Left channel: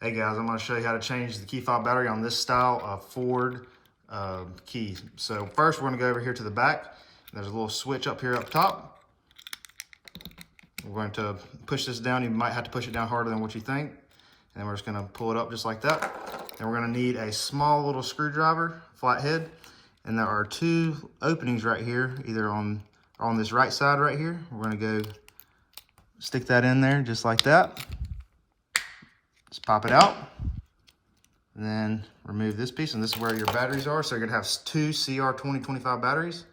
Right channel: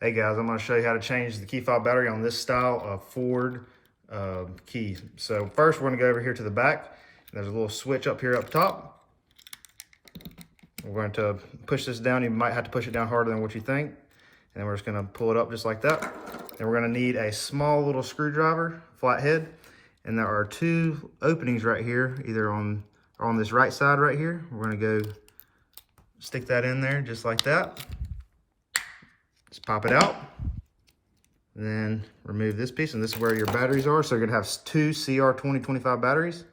Hey guys, I'm going to show you how to change the key fob battery on this style of Ford key. So first we're going to go over here to the back. There's a little switch up here up top. We're going to push this down. You might have to push it down harder than what you think. And then we're just going to pull it up just like that. Then we're going to need a small little screwdriver, flathead. And there are two openings right here, either on this right side right here. We're going to go stick that in there just like that. Just pop it out, and then remove this piece, and this is where your batteries are. So you're gonna have two CR2025 batteries.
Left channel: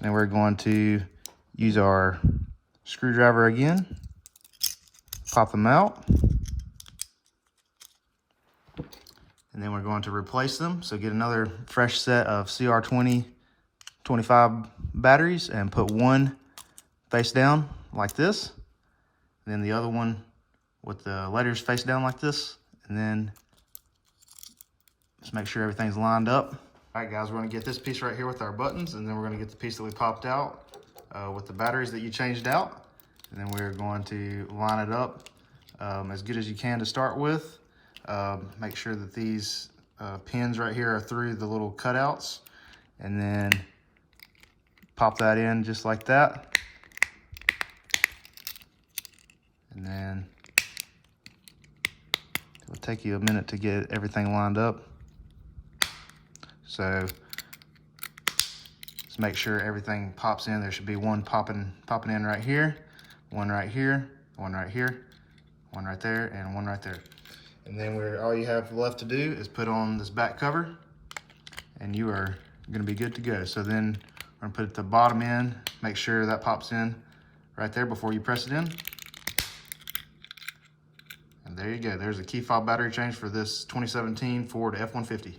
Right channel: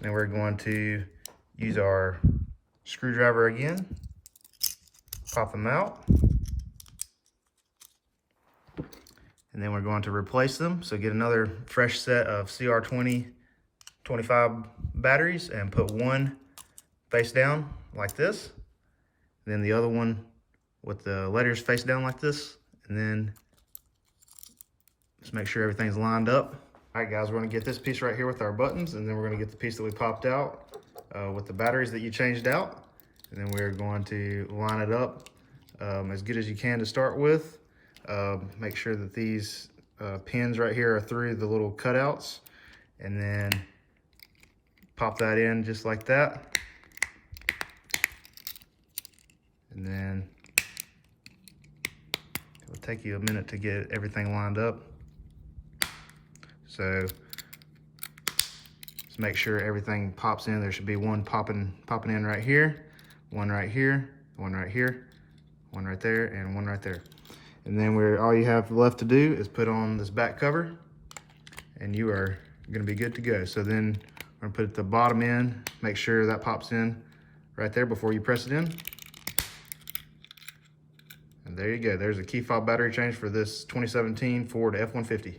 And we're going to use our screwdriver again, pop them out. And then we're going to replace them. So get another fresh set of CR2025 batteries and put one face down like this. And then the other one with the letters face down like this, and then just make sure everything's lined up. All right guys, we're gonna get this piece right here with our buttons, and then we're gonna get the piece that we popped out with the batteries that you changed out. And then we're going to line it up as good as you can to start with. Make sure that these pins right here are through the little cutouts, and then pop that in just like that. And then it'll take you a minute to get everything lined up. So just make sure everything pops in. There should be one popping in right here, one right here, one right here, one right there, and one right there. And then all you have left to do is put on this back cover, and you are gonna be good to go. So then we're gonna put the bottom in, make sure that pops in right there before you press it in. And there you go. There's a key fob battery change for this 2017 Ford F-150.